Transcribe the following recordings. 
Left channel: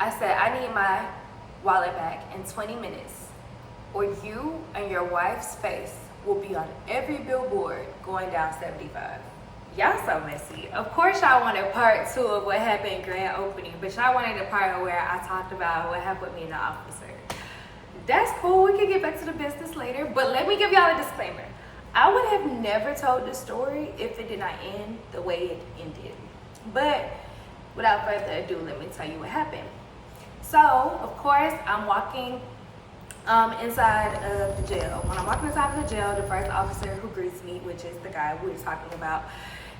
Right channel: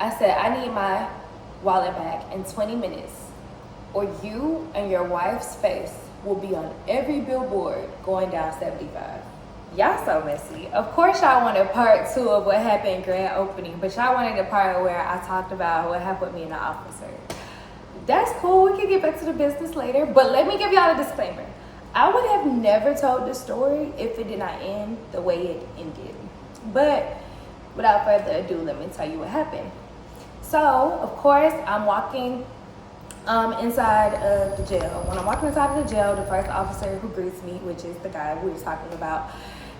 I said, I need my wallet back in 20 minutes, or you and your wife's face will be on every billboard going down 75. Y'all so messy. Of course y'all wanted part 2 of what happened in grand opening, but y'all wanted the part where I talked about what happened with me and the officer. That's cool, we can get back to the business later, but let me give y'all a disclaimer. I would have never told this story if it did not end the way it ended. But without further ado, let me tell you what happened. So, of course, I'm walking inside of the jail. When I'm walking inside of the jail, the first officer who greets me, which is the guy we were talking about,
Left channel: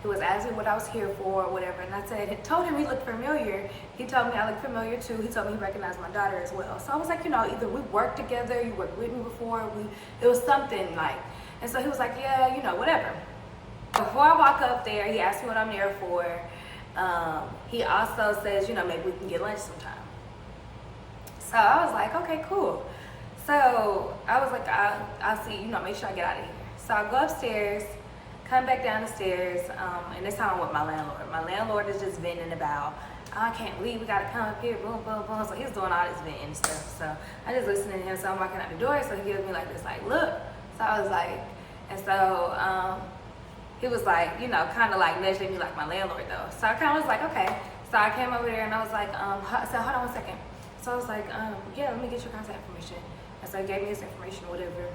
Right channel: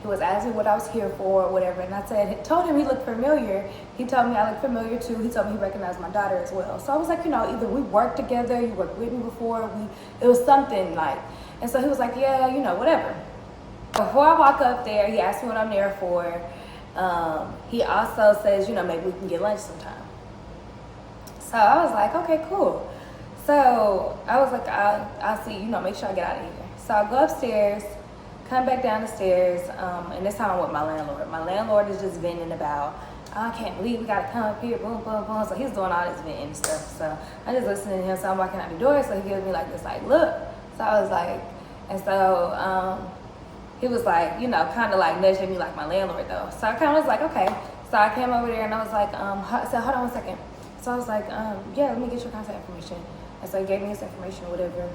he was asking what I was here for or whatever, and I told him he looked familiar. He told me I looked familiar too. He told me he recognized my daughter as well. So I was like, either we worked together, you worked with me before, it was something like, and so he was like, yeah, whatever. Before I walk up there, he asked me what I'm there for. He also says, maybe we can get lunch sometime. So I was like, okay, cool. So I was like, I'll see, make sure I get out of here. So I go upstairs, come back down the stairs, and this time I'm with my landlord. My landlord is just venting about, I can't leave, we gotta come up here, boom, boom, boom. So he's doing all this venting and stuff. So I just listening to him, so I'm walking out the door, so he gives me like this, like, look. So I was like, and so he was like, kind of like nudging me like my landlord though. So I kind of was like, okay. So I came over there and I was like, I said, hold on one second. So I was like, yeah, let me get your contact information. And so he gave me his information or whatever.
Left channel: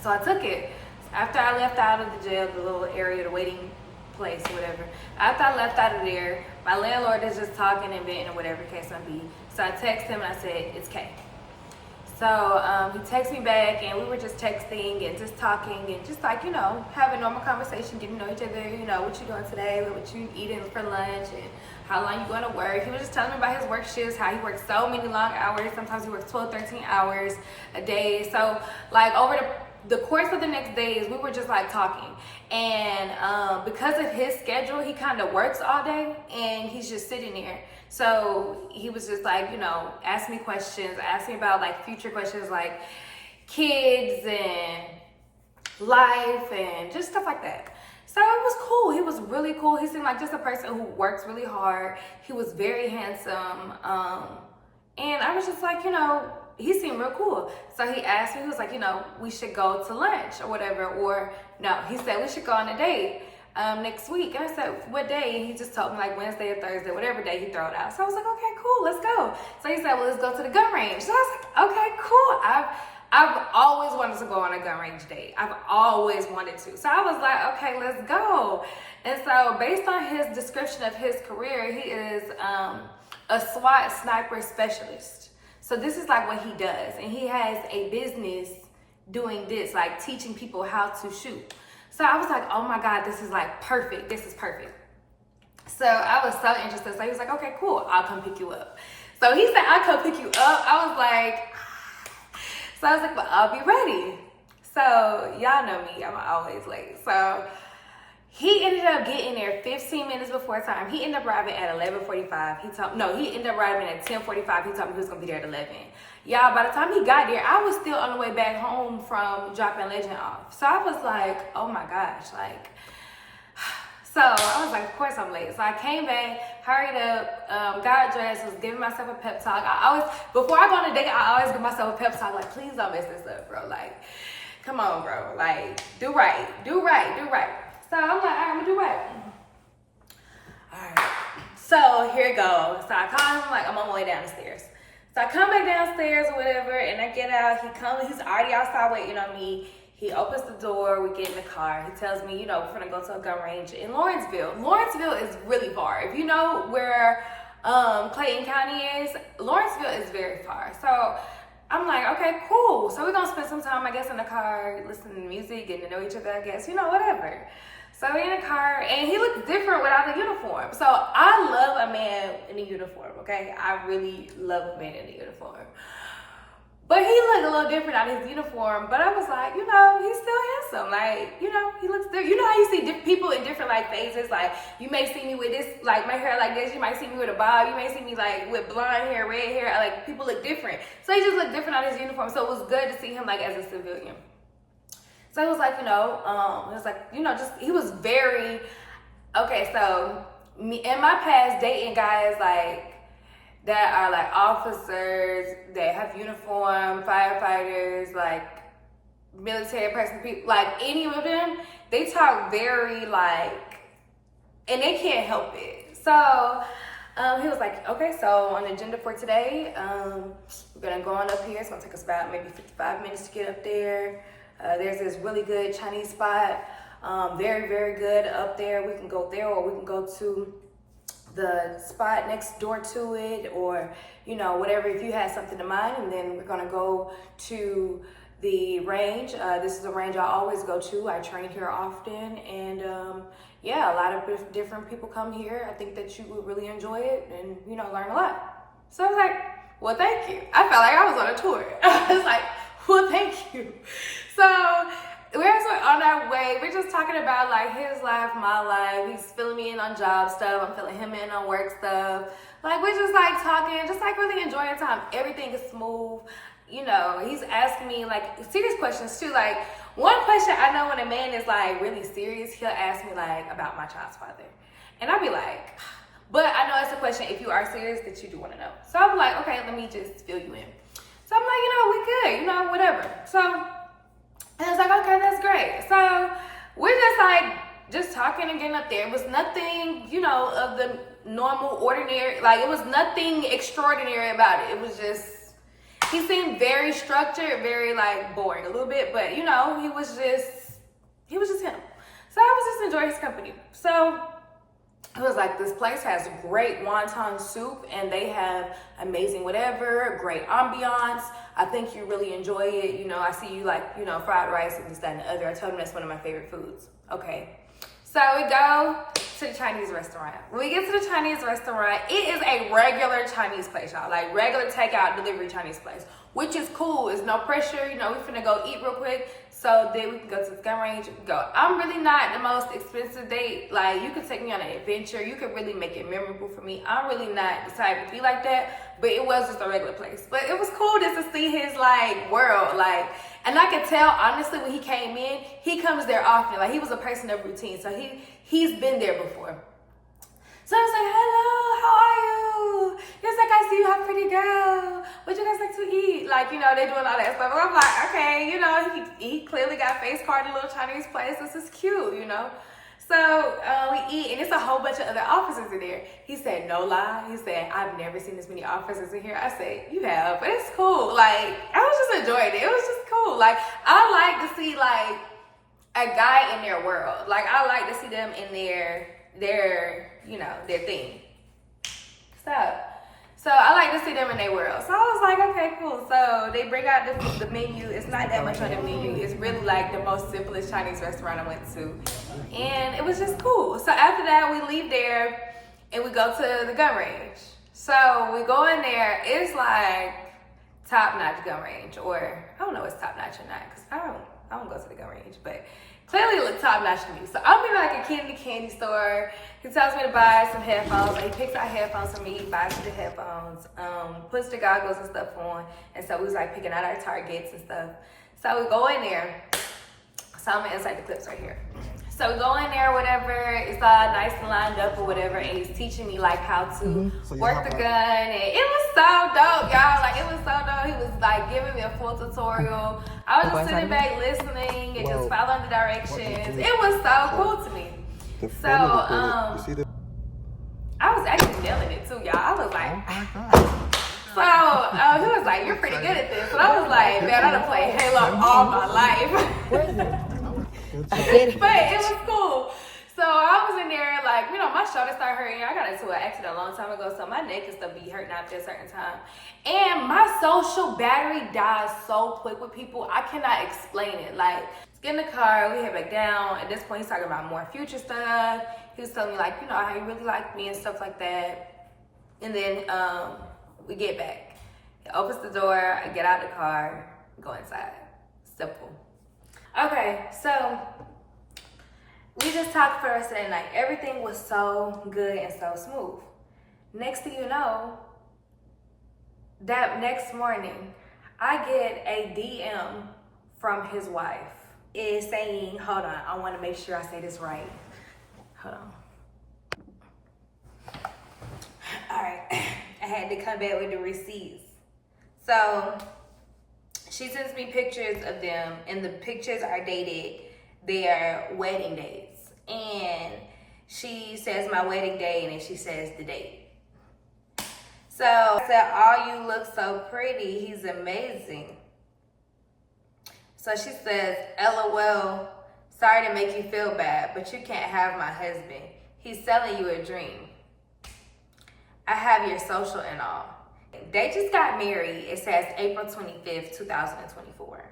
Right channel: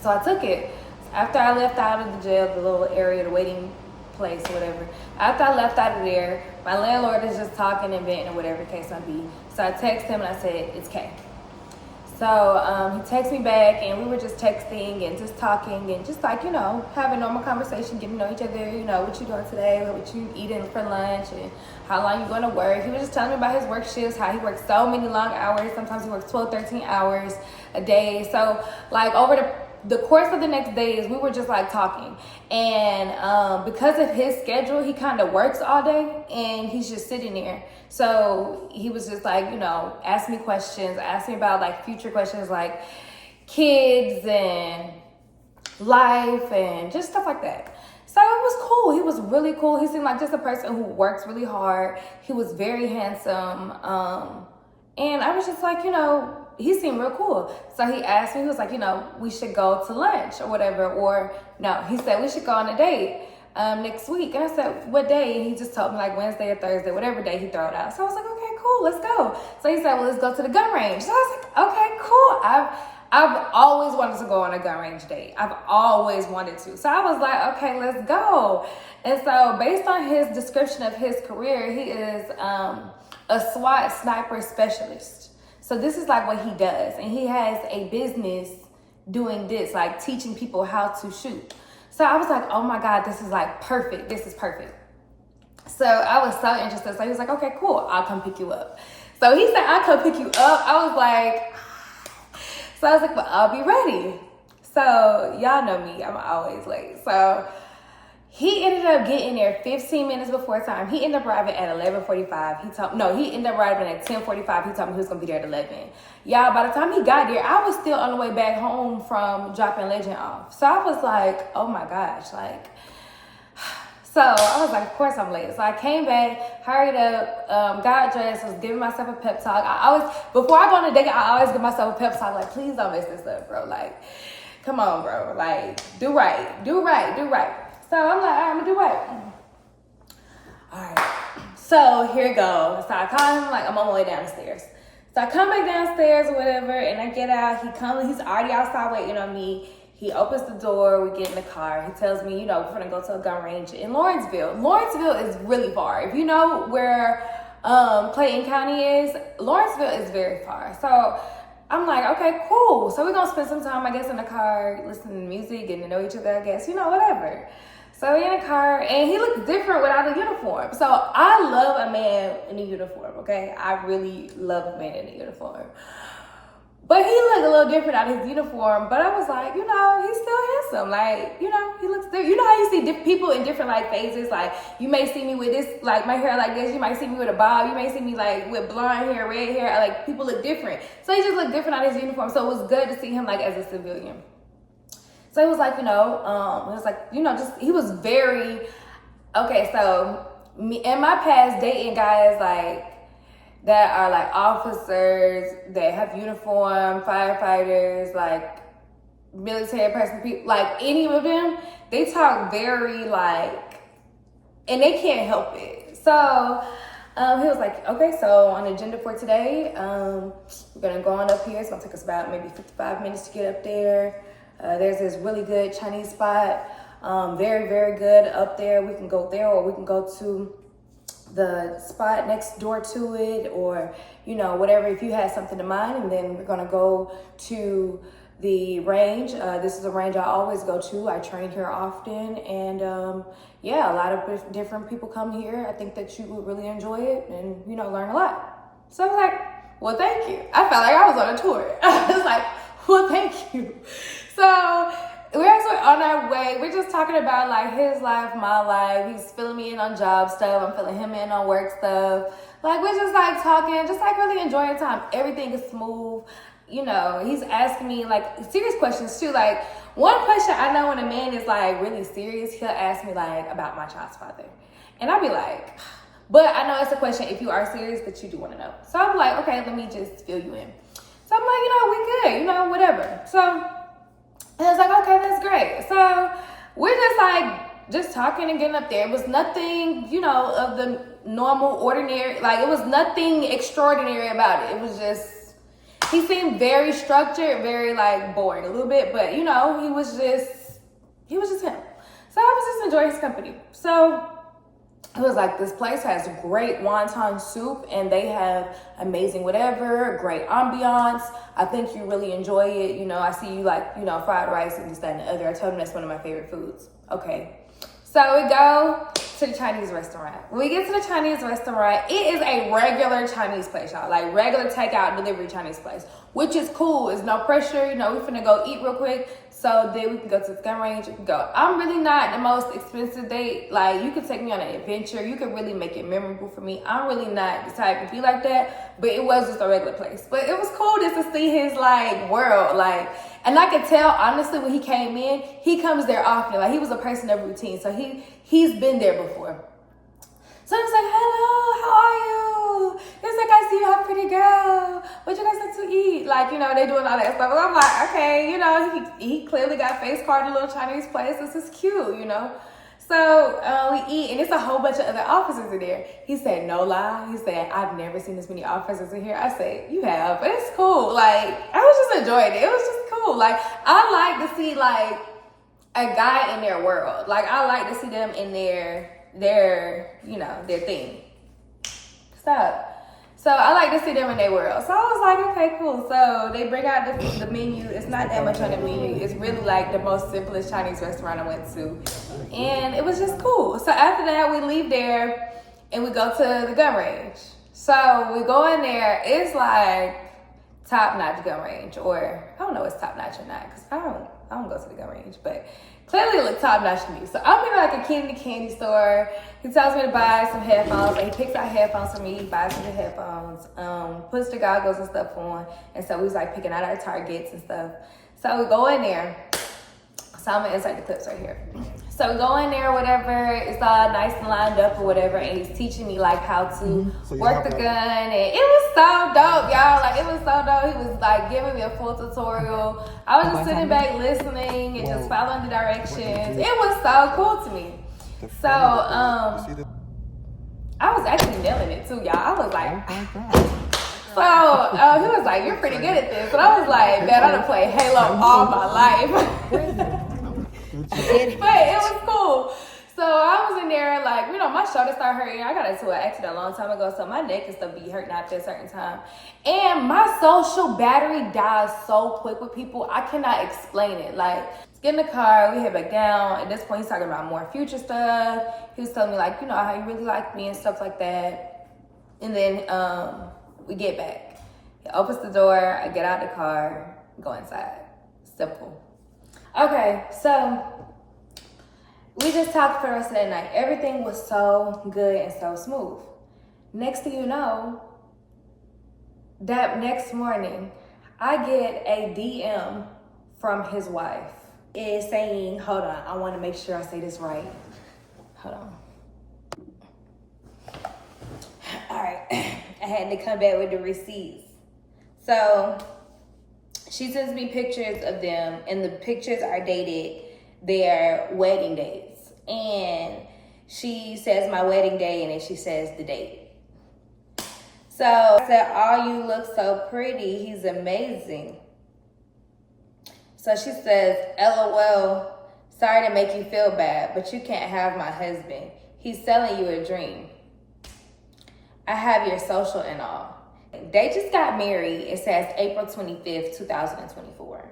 So I took it. After I left out of the jail, the little area, the waiting place, whatever. After I left out of there, my landlord is just talking and venting or whatever the case might be. So I text him and I said, it's Kay. So he texted me back and we were just texting and just talking and just like, having normal conversation, getting to know each other, what you doing today, what you eating for lunch and how long you going to work. He was just telling me about his work shifts, how he works so many long hours. Sometimes he works 12, 13 hours a day. So like over the course of the next days, we were just like talking. And because of his schedule, he kind of works all day and he's just sitting there. So he was just like, ask me questions, ask me about like future questions like kids and life and just stuff like that. So it was cool. He was really cool. He seemed like just a person who works really hard. He was very handsome. And I was just like, he seemed real cool. So he asked me, he was like, we should go to lunch or whatever. Or no, he said we should go on a date next week. And I said, what day? And he just told me like Wednesday or Thursday, whatever day he threw it out. So I was like, okay, cool, let's go. So he said, well, let's go to the gun range. So I was like, okay, cool. I've always wanted to go on a gun range date. I've always wanted to. So I was like, okay, let's go. And so based on his description of his career, he is a SWAT sniper specialist. So this is like what he does. And he has a business doing this, like teaching people how to shoot. So I was like, oh my God, this is like perfect. This is perfect. So I was so interested. So he was like, okay, cool. I'll come pick you up. So he said, I'll come pick you up. I was like, so I was like, well, I'll be ready. So y'all know me, I'm always late. So he ended up getting there 15 minutes before time. He ended up arriving at 11:45. He ended up arriving at 10:45. He told me he was gonna be there at 11. Y'all, by the time he got there, I was still on the way back home from dropping Legend off. So I was like, oh my gosh, like, so I was like, of course I'm late. So I came back, hurried up, got dressed, was giving myself a pep talk. Before I go on a date, I always give myself a pep talk, like, please don't mess this up, bro. Like, come on, bro. Like, do right, do right, do right. So I'm like, all right, I'm gonna do right. All right, so here it goes. So I call him, like, I'm on my way down the stairs. So I come back downstairs or whatever, and I get out. He's already outside waiting on me. He opens the door, we get in the car. He tells me, we're gonna go to a gun range in Lawrenceville. Lawrenceville is really far. If you know where Clayton County is, Lawrenceville is very far. So I'm like, okay, cool. So we're gonna spend some time, I guess, in the car, listening to music, getting to know each other, I guess, whatever. So we're in the car, and he looks different without a uniform. So I love a man in a uniform, okay? I really love a man in a uniform. But he looked a little different out of his uniform, but I was like, he's still handsome. Like, he looks different. How you see people in different, like, phases? Like, you may see me with this, like, my hair like this. You might see me with a bob. You may see me, like, with blonde hair, red hair. Like, people look different. So he just looked different out of his uniform. So it was good to see him, like, as a civilian. So it was like, he was very, okay, so me in my past dating guys, like, that are like officers, that have uniform, firefighters, like military person, people, like any of them, they talk very like, and they can't help it. So he was like, okay, so on the agenda for today, we're gonna go on up here. It's gonna take us about maybe 55 minutes to get up there. There's this really good Chinese spot, very, very good up there. We can go there, or we can go to the spot next door to it, or, you know, whatever, if you had something in mind. And then we're gonna go to the range. This is a range I always go to. I train here often, and yeah, a lot of different people come here. I think that you would really enjoy it and, you know, learn a lot. So I was like, well, thank you. I felt like I was on a tour. I was like, well, thank you. So we're actually on our way. We're just talking about like his life, my life. He's filling me in on job stuff. I'm filling him in on work stuff. Like, we're just like talking, just like really enjoying time. Everything is smooth. You know, he's asking me like serious questions too. Like, one question I know when a man is like really serious, he'll ask me like about my child's father. And I'll be like, but I know it's a question, if you are serious, that you do want to know. So I'm like, okay, let me just fill you in. So I'm like, you know, we good, you know, whatever. So I was like, okay, that's great. So we're just like, just talking and getting up there. It was nothing, you know, of the normal, ordinary, like it was nothing extraordinary about it. It was just, he seemed very structured, very like boring a little bit, but you know, he was just him. So I was just enjoying his company. So it was like, this place has great wonton soup, and they have amazing whatever, great ambiance. I think you really enjoy it. You know, I see you like, you know, fried rice and this, that, and the other. I told him that's one of my favorite foods. Okay. So we go to the Chinese restaurant. When we get to the Chinese restaurant, it is a regular Chinese place, y'all. Like regular takeout delivery Chinese place, which is cool. It's no pressure. You know, we finna go eat real quick, so then we can go to the gun range and go. I'm really not the most expensive date. Like, you could take me on an adventure. You could really make it memorable for me. I'm really not the type to be like that, but it was just a regular place. But it was cool just to see his like world, like. And I could tell, honestly, when he came in, he comes there often. Like, he was a person of routine, so he's been there before. So I was like, hello, how are you? He was like, I see you have a pretty girl. What you guys like to eat? Like, you know, they doing all that stuff. And I'm like, okay, you know, he clearly got face carded, a little Chinese place. This is cute, you know. So we eat, and it's a whole bunch of other officers in there. He said, no lie. He said, I've never seen this many officers in here. I said, you have, but it's cool. Like, I was just enjoying it. It was just cool. Like, I like to see like a guy in their world. Like, I like to see them in their you know, their thing. So I like to see them in their world. So I was like, okay, cool. So they bring out the menu. It's not that much on the menu. It's really like the most simplest Chinese restaurant I went to. And it was just cool. So after that, we leave there and we go to the gun range. So we go in there. It's like top-notch gun range, or I don't know if it's top-notch or not, because I don't go to the gun range, but clearly it looked top-notch to me. So I'm in like a kid in the candy store. He tells me to buy some headphones. Like, he picks out headphones for me, buys me the headphones, puts the goggles and stuff on. And so we was like picking out our targets and stuff. So we go in there. So I'm gonna insert the clips right here. So we go in there, whatever, it's all nice and lined up or whatever, and he's teaching me like how to work the gun, and it was so dope, y'all. Like, it was so dope. He was like giving me a full tutorial. I was just sitting back listening and just following the directions. It was so cool to me. So I was actually nailing it too, y'all. I was like, so he was like, you're pretty good at this. And I was like, man, I done played Halo all my life. But it was cool. So I was in there, like, you know, my shoulder started hurting. I got into an accident a long time ago, so my neck and stuff be hurting after a certain time. And my social battery dies so quick with people, I cannot explain it. Like, let's get in the car, we head back down. At this point, he's talking about more future stuff. He was telling me, like, you know, how he really liked me and stuff like that. And then we get back. He opens the door, I get out the car, go inside. Simple. Okay, so we just talked for the rest of that night. Everything was so good and so smooth. Next thing you know, that next morning, I get a DM from his wife. It's saying, hold on, I want to make sure I say this right. Hold on. All right, I had to come back with the receipts. So she sends me pictures of them, and the pictures are dated their wedding dates. And she says my wedding day, and then she says the date. So I said, "Oh, you look so pretty. He's amazing." So she says, "LOL, sorry to make you feel bad, but you can't have my husband. He's selling you a dream. I have your social and all." They just got married. It says April 25th, 2024.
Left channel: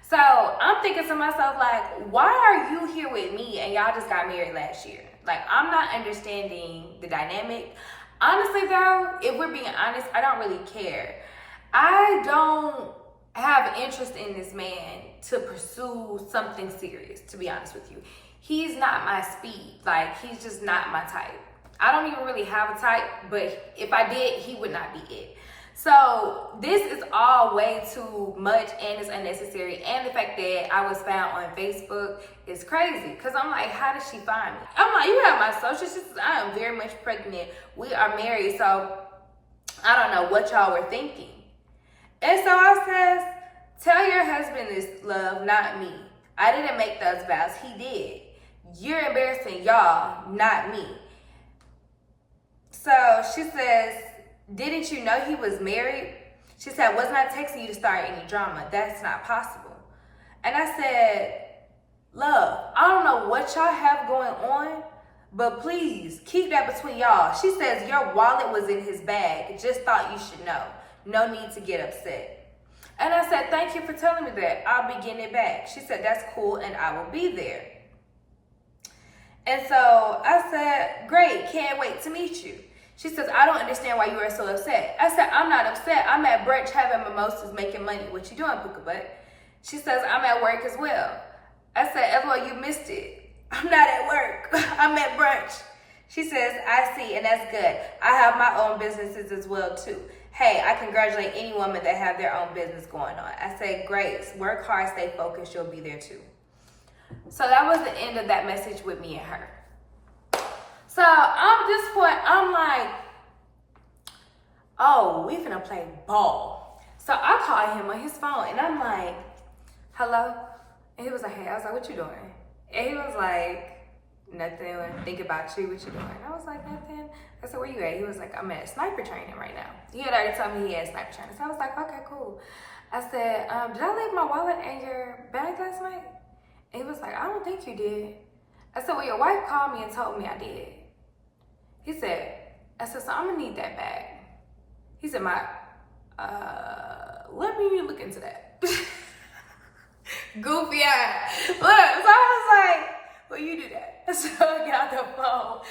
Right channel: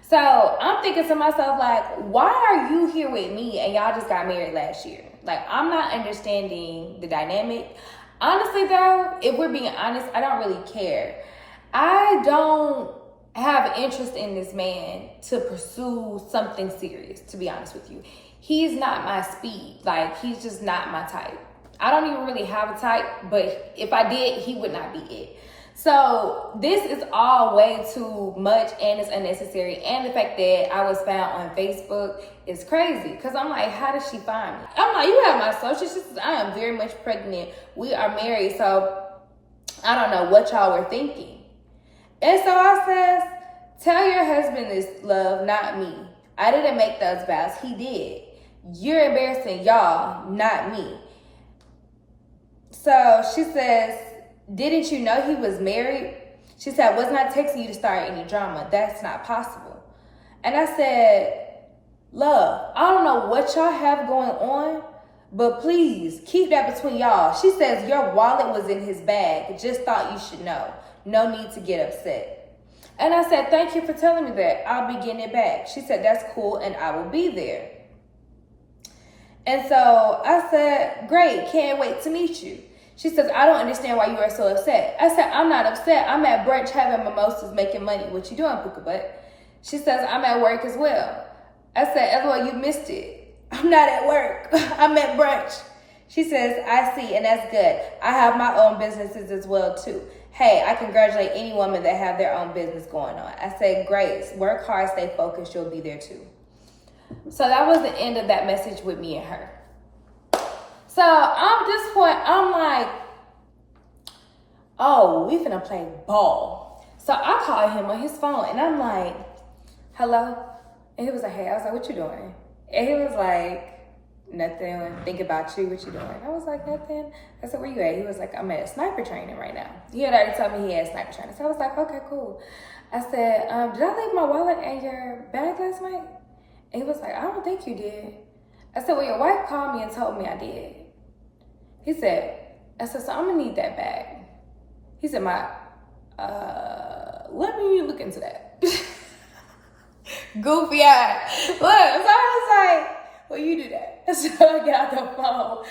So I'm thinking to myself, like, why are you here with me and y'all just got married last year? Like, I'm not understanding the dynamic. Honestly, though, if we're being honest, I don't really care. I don't have interest in this man to pursue something serious, to be honest with you. He's not my speed. Like, he's just not my type. I don't even really have a type, but if I did, he would not be it. So this is all way too much, and it's unnecessary. And the fact that I was found on Facebook is crazy, because I'm like, how did she find me? I'm like, you have my social. She says, I am very much pregnant. We are married, so I don't know what y'all were thinking. And so I says, tell your husband this, love, not me. I didn't make those vows. He did. You're embarrassing y'all, not me. So she says, didn't you know he was married? She said, wasn't I texting you to start any drama? That's not possible. And I said, love, I don't know what y'all have going on, but please keep that between y'all. She says, your wallet was in his bag. Just thought you should know. No need to get upset. And I said, thank you for telling me that. I'll be getting it back. She said, that's cool, and I will be there. And so I said, great, can't wait to meet you. She says, I don't understand why you are so upset. I said, I'm not upset. I'm at brunch having mimosas, making money. What you doing, Puka Butt? She says, I'm at work as well. I said, LOL, you missed it. I'm not at work. I'm at brunch. She says, I see, and that's good. I have my own businesses as well, too. Hey, I congratulate any woman that have their own business going on. I said, great. Work hard, stay focused. You'll be there, too. So that was the end of that message with me and her. So at this point, I'm like, oh, we finna play ball. So I called him on his phone, and I'm like, hello? And he was like, hey. I was like, what you doing? And he was like, nothing. Think about you. What you doing? I was like, nothing. I said, where you at? He was like, I'm at sniper training right now. He had already told me he had sniper training. So I was like, okay, cool. I said, did I leave my wallet in your bag last night? And he was like, I don't think you did. I said, well, your wife called me and told me I did. He said, I said, so I'm gonna need that bag. He said, let me look into that. Goofy eye. Look, so I was like, well, you do that. So I got the phone.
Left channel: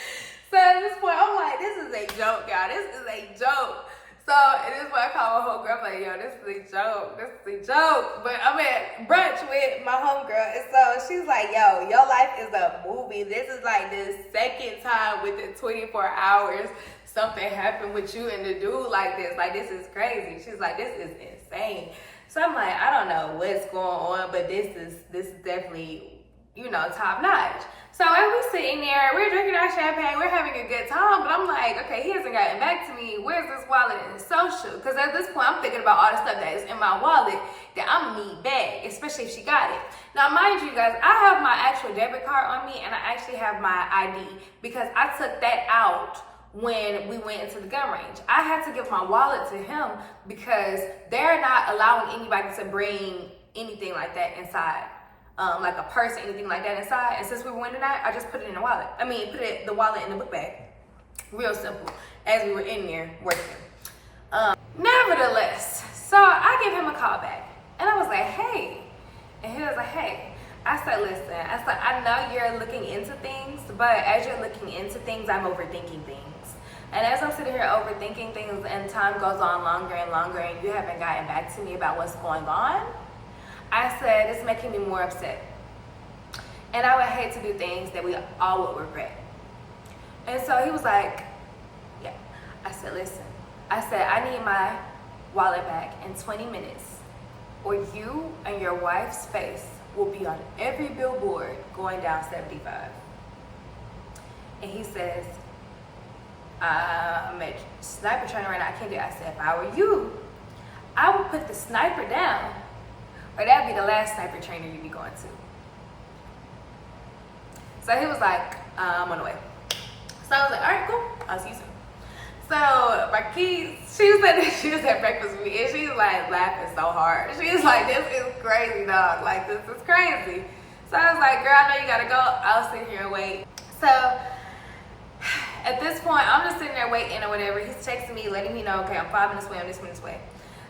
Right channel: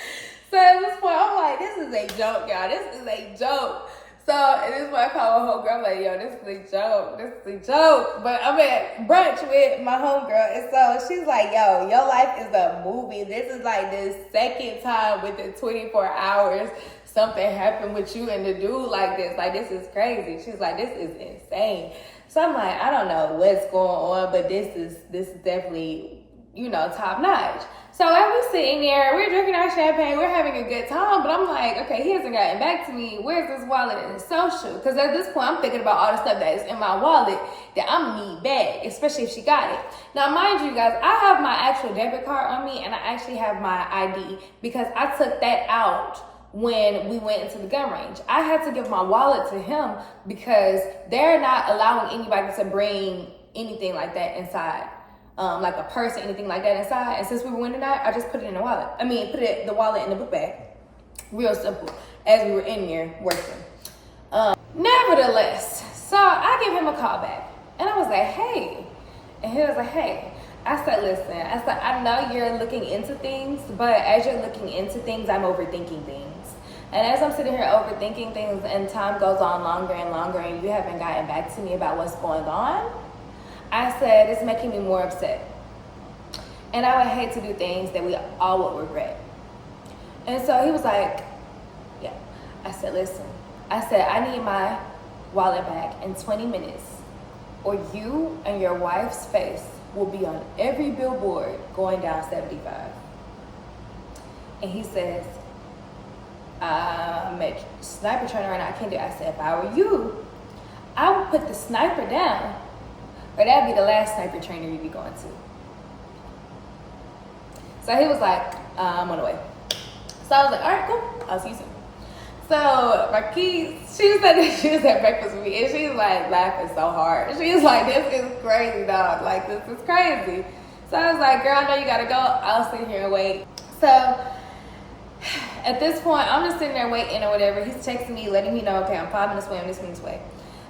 So at this point, I'm like, this is a joke, y'all. This is a joke. So at this point, I call my homegirl. I'm like, yo, this is a joke. This is a joke. But I'm at brunch with my homegirl. And so she's like, yo, your life is a movie. This is like the second time within 24 hours something happened with you and the dude like this. Like, this is crazy. She's like, this is insane. So I'm like, I don't know what's going on, but this is definitely, you know, top notch. So as we're sitting there, we're drinking our champagne, we're having a good time, but I'm like, okay, he hasn't gotten back to me. Where's this wallet and social? Because at this point, I'm thinking about all the stuff that is in my wallet that I'm gonna need back, especially if she got it. Now, mind you guys, I have my actual debit card on me, and I actually have my ID because I took that out when we went into the gun range. I had to give my wallet to him because they're not allowing anybody to bring anything like that inside. Like a purse or anything like that inside. And since we went tonight, I just put it in the wallet. The wallet in the book bag. Real simple. As we were in there working. Nevertheless, so I gave him a call back. And I was like, hey. And he was like, hey. I said, listen. I said, I know you're looking into things, but as you're looking into things, I'm overthinking things. And as I'm sitting here overthinking things and time goes on longer and longer and you haven't gotten back to me about what's going on, I said, it's making me more upset. And I would hate to do things that we all would regret. And so he was like, yeah. I said, listen. I said, I need my wallet back in 20 minutes or you and your wife's face will be on every billboard going down 75. And he says, I'm a sniper trainer right now. I can't do it. I said, if I were you, I would put the sniper down. Or that'd be the last sniper trainer you'd be going to. So he was like, I'm on the way. So I was like, all right, cool. I'll see you soon. So Marquise, she was at breakfast with me, and she was like laughing so hard. She was like, this is crazy, dog. Like, this is crazy. So I was like, girl, I know you gotta go. I'll sit here and wait. So at this point, I'm just sitting there waiting or whatever. He's texting me, letting me know, okay, I'm 5 minutes away, I'm this minutes away.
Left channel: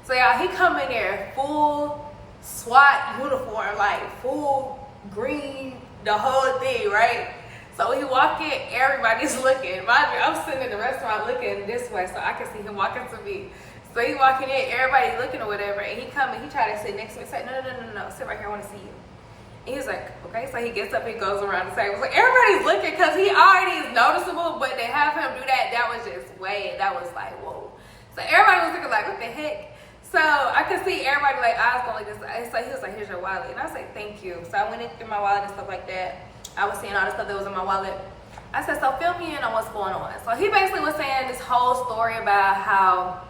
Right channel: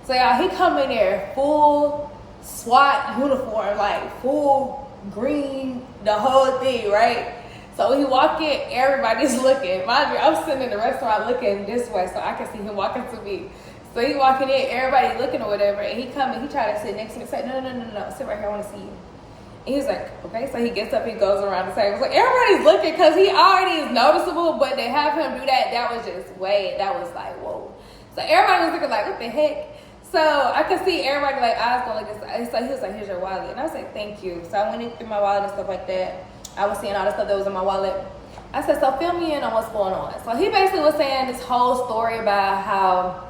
So y'all, he come in there full SWAT uniform, like full green, the whole thing, right? So when he walk in, everybody's looking. Mind you, I'm sitting in the restaurant looking this way so I can see him walking to me. So he walking in, everybody looking or whatever, and he come and he tried to sit next to me and say, no, sit right here, I want to see you. And he was like, okay. So he gets up and goes around the table. Like, everybody's looking because he already is noticeable, but they have him do that. That was just that was like, whoa. So everybody was looking like, what the heck? So I could see everybody like eyes going like this. So he was like, here's your wallet. And I was like, thank you. So I went in through my wallet and stuff like that. I was seeing all the stuff that was in my wallet. I said, so fill me in on what's going on. So he basically was saying this whole story about how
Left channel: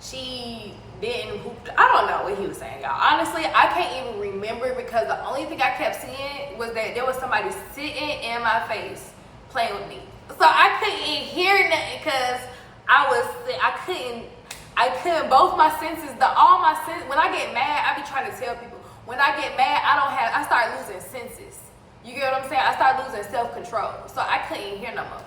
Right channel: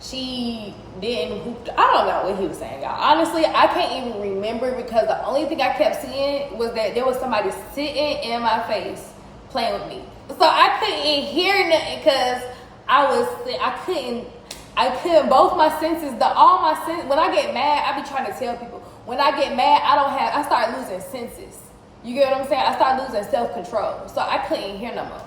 she didn't hoop. I don't know what he was saying, y'all. Honestly, I can't even remember because the only thing I kept seeing was that there was somebody sitting in my face playing with me. So I couldn't hear nothing because I couldn't, both my senses, when I get mad, I be trying to tell people, when I get mad, I start losing senses. You get what I'm saying? I start losing self-control. So I couldn't hear no more.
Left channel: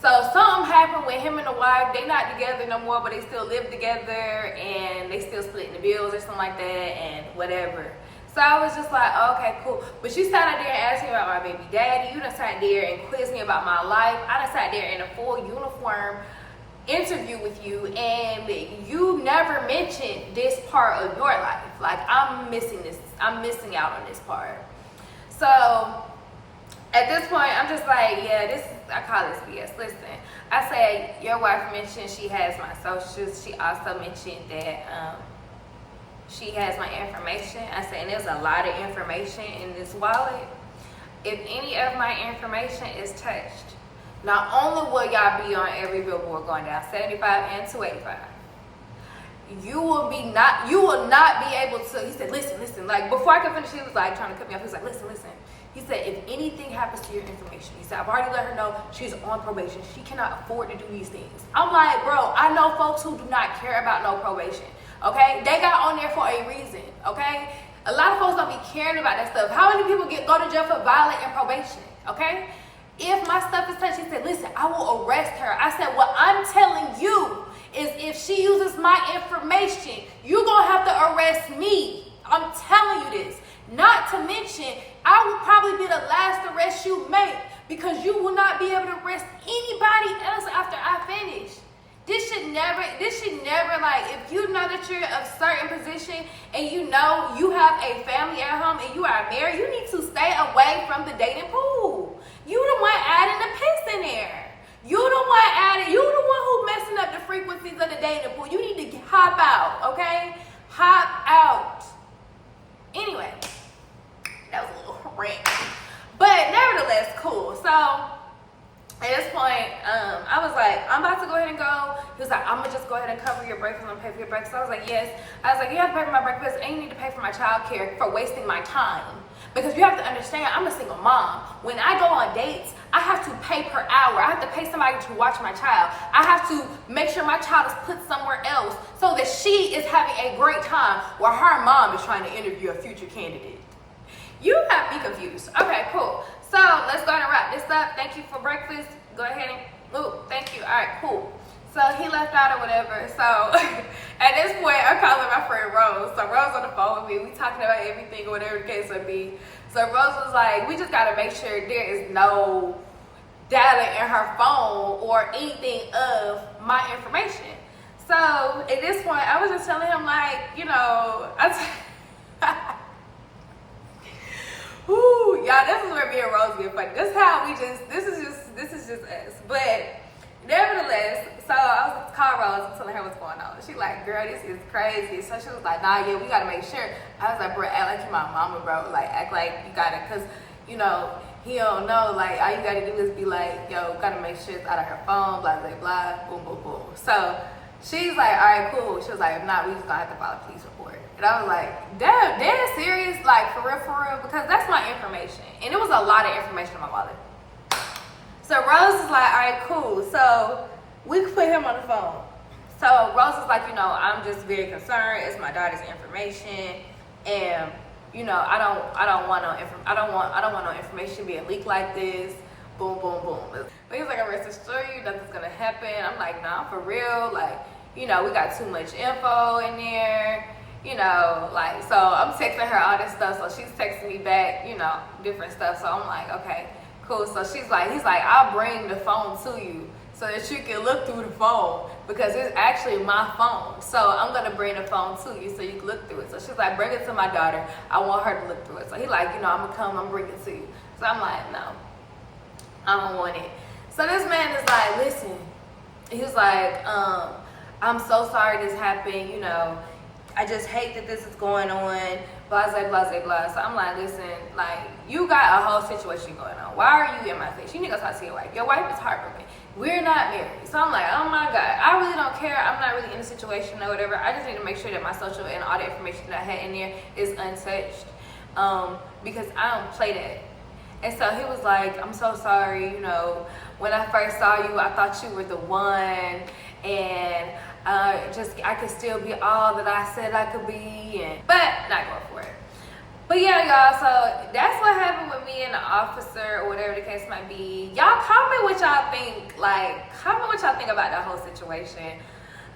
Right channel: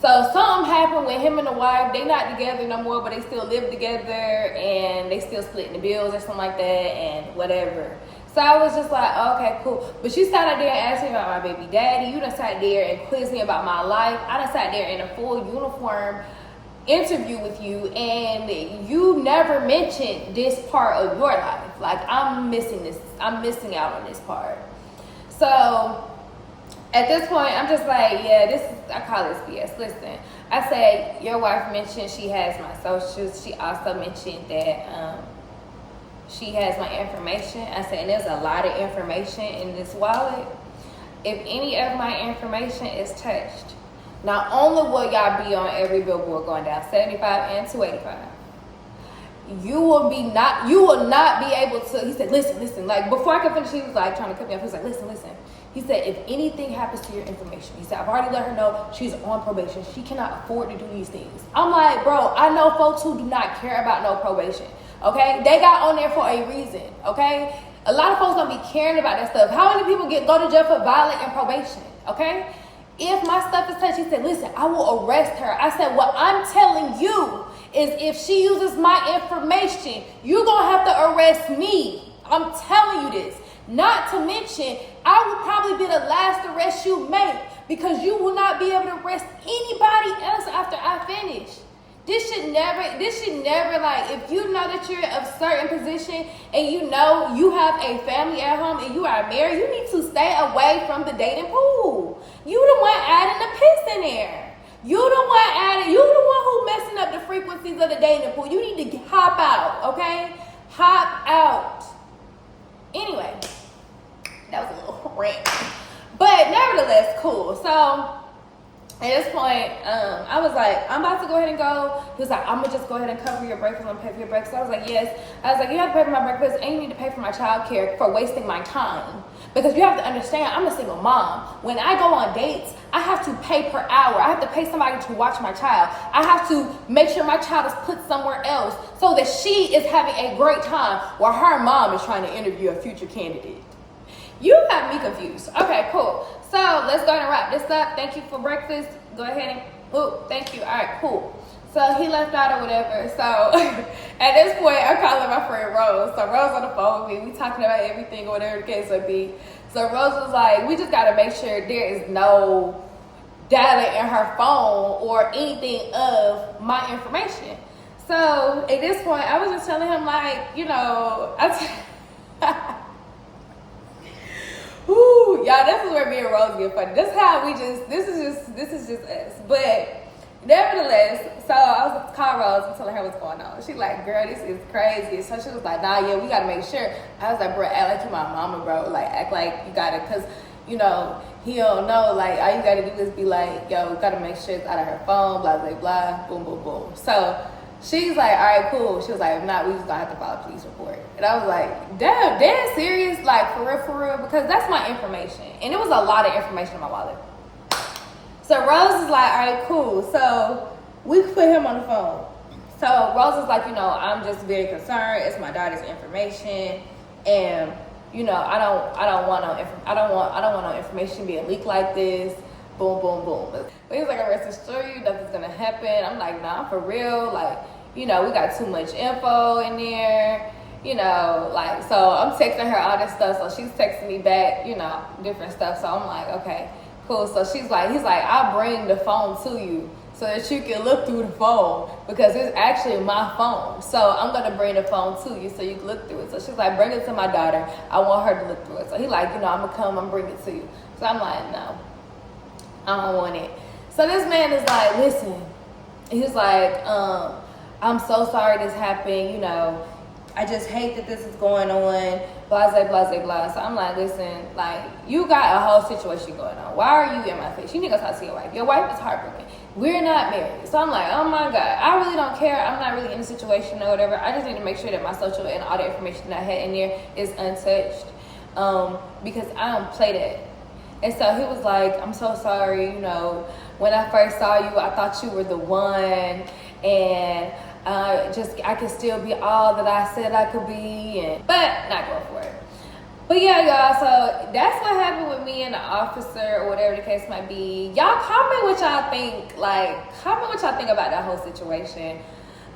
So something happened with him and the wife. They not together no more, but they still live together and they still splitting the bills or something like that and whatever. So I was just like, okay, cool. But you sat there and asked me about my baby daddy. You done sat there and quizzed me about my life. I done sat there in a full uniform interview with you and you never mentioned this part of your life. Like, I'm missing out on this part. So at this point, I'm just like, yeah, I call this BS. Listen, I said, your wife mentioned she has my socials. She also mentioned that she has my information. I said, and there's a lot of information in this wallet. If any of my information is touched, not only will y'all be on every billboard going down 75 and 285, you will not be able to. He said, listen, like before I could finish, he was like trying to cut me off. He was like, listen. He said, if anything happens to your information, he said, I've already let her know she's on probation. She cannot afford to do these things. I'm like, bro, I know folks who do not care about no probation, okay? They got on there for a reason, okay? A lot of folks don't be caring about that stuff. How many people go to jail for violating probation, okay? If my stuff is touched, he said, listen, I will arrest her. I said, what I'm telling you is if she uses my information, you're going to have to arrest me. I'm telling you this. Not to mention, I will probably be the last arrest you make because you will not be able to arrest anybody else after I finish. This should never, like, if you know that you're of a certain position and you know you have a family at home and you are married, you need to stay away from the dating pool. You the one adding the piss in there. You the one who messing up the frequencies of the dating pool. You need to hop out, okay? Hop out. Anyway, that was a little rant. But nevertheless, cool. So at this point, I was like, I'm about to go ahead and go. He was like, I'm gonna just go ahead and cover your breakfast. I'm gonna pay for your breakfast. So I was like, yes. I was like, you have to pay for my breakfast and you need to pay for my child care for wasting my time. Because you have to understand, I'm a single mom. When I go on dates, I have to pay per hour. I have to pay somebody to watch my child. I have to make sure my child is put somewhere else so that she is having a great time while her mom is trying to interview a future candidate. You got me confused. Okay, cool. So let's go ahead and wrap this up. Thank you for breakfast. Go ahead and, thank you. All right, cool. So he left out or whatever. So at this point, I'm calling my friend Rose. So Rose on the phone with me. We talking about everything or whatever the case would be. So Rose was like, we just got to make sure there is no data in her phone or anything of my information. So at this point, I was just telling him like, you know, Woo, y'all, this is where me and Rose get funny. This is just us. But nevertheless, so I was calling Rose and telling her what's going on. She like, girl, this is crazy. So she was like, nah, yeah, we gotta make sure. I was like, bro, act like you my mama, bro. Like, act like you gotta, cause you know, he don't know, like, all you gotta do is be like, yo, gotta make sure it's out of her phone, blah, blah, blah, boom, boom, boom. So she's like, all right, cool. She was like, if not, we just gonna have to file a police report. And I was like, damn, dead serious? Like, for real? Because that's my information. And it was a lot of information in my wallet. So Rose is like, all right, cool. So we put him on the phone. So Rose is like, you know, I'm just very concerned. It's my daughter's information, and you know, I don't want no information being leaked like this. Boom, boom, boom. But he's like, I'm rest assured you nothing's gonna happen. I'm like, nah, for real. Like, you know, we got too much info in there. You know, like, so I'm texting her all this stuff. So she's texting me back, you know, different stuff. So I'm like, okay, cool. So he's like, I'll bring the phone to you so that you can look through the phone, because it's actually my phone. So I'm gonna bring the phone to you so you can look through it. So she's like, bring it to my daughter. I want her to look through it. So he like, you know, I'm gonna come and bring it to you. So I'm like, no, I don't want it. So this man is like, listen, he's like, I'm so sorry this happened, you know, I just hate that this is going on, blah, blah, blah, blah, blah. So I'm like, listen, like, you got a whole situation going on. Why are you in my face? You need to go talk to your wife. Your wife is heartbroken. We're not married. So I'm like, oh my God, I really don't care. I'm not really in the situation or whatever. I just need to make sure that my social and all the information that I had in there is untouched, because I don't play that. And so he was like, I'm so sorry, you know, when I first saw you, I thought you were the one, and I could still be all that I said I could be, but not going for it. But yeah, y'all, so that's what happened with me and the officer, or whatever the case might be. Y'all comment what y'all think. Like, comment what y'all think about that whole situation.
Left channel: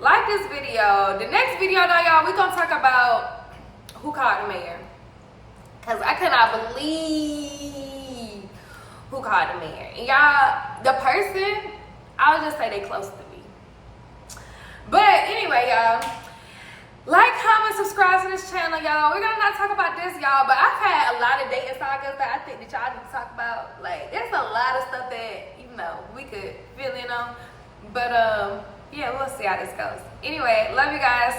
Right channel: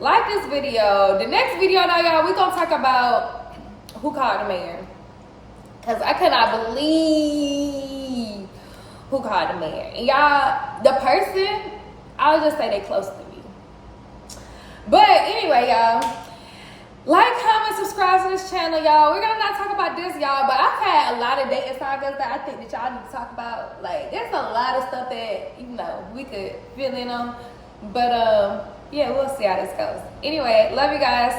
Like this video. The next video, though, y'all, we're gonna talk about who called the mayor. Because I cannot believe who called the mayor. And y'all, the person, I'll just say they close to me. But anyway, y'all, like, comment, subscribe to this channel, y'all. We're gonna not talk about this, y'all, but I've had a lot of dating sagas that I think that y'all need to talk about. Like, there's a lot of stuff that, you know, we could fill in on. But yeah, we'll see how this goes. Anyway, love you guys.